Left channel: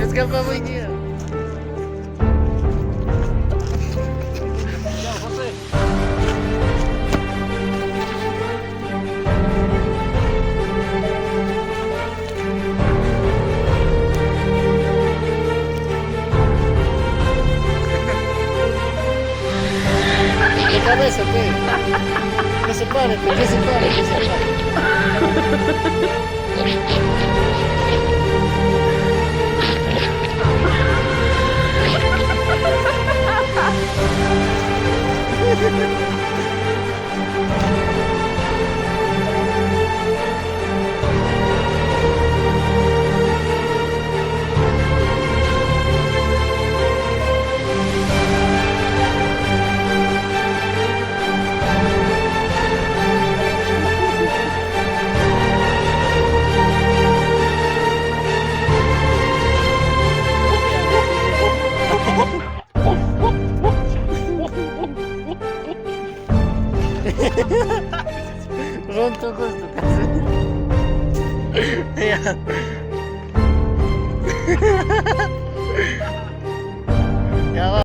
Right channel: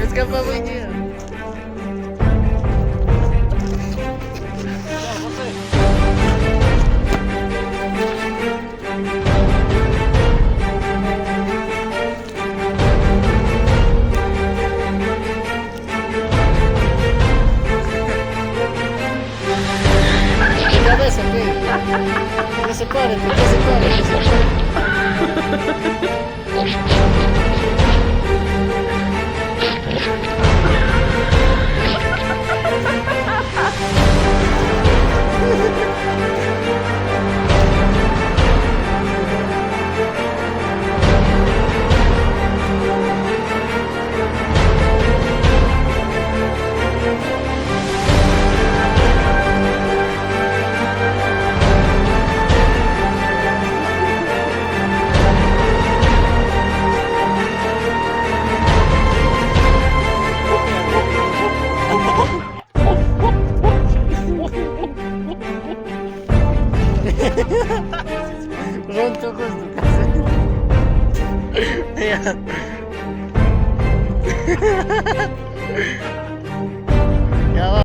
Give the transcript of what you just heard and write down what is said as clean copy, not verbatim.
Песка по воде. Cabeza, pues. Que se pare, pues, que se pare, que se pare. Pronto gusto kasi. Ayan. Yawa.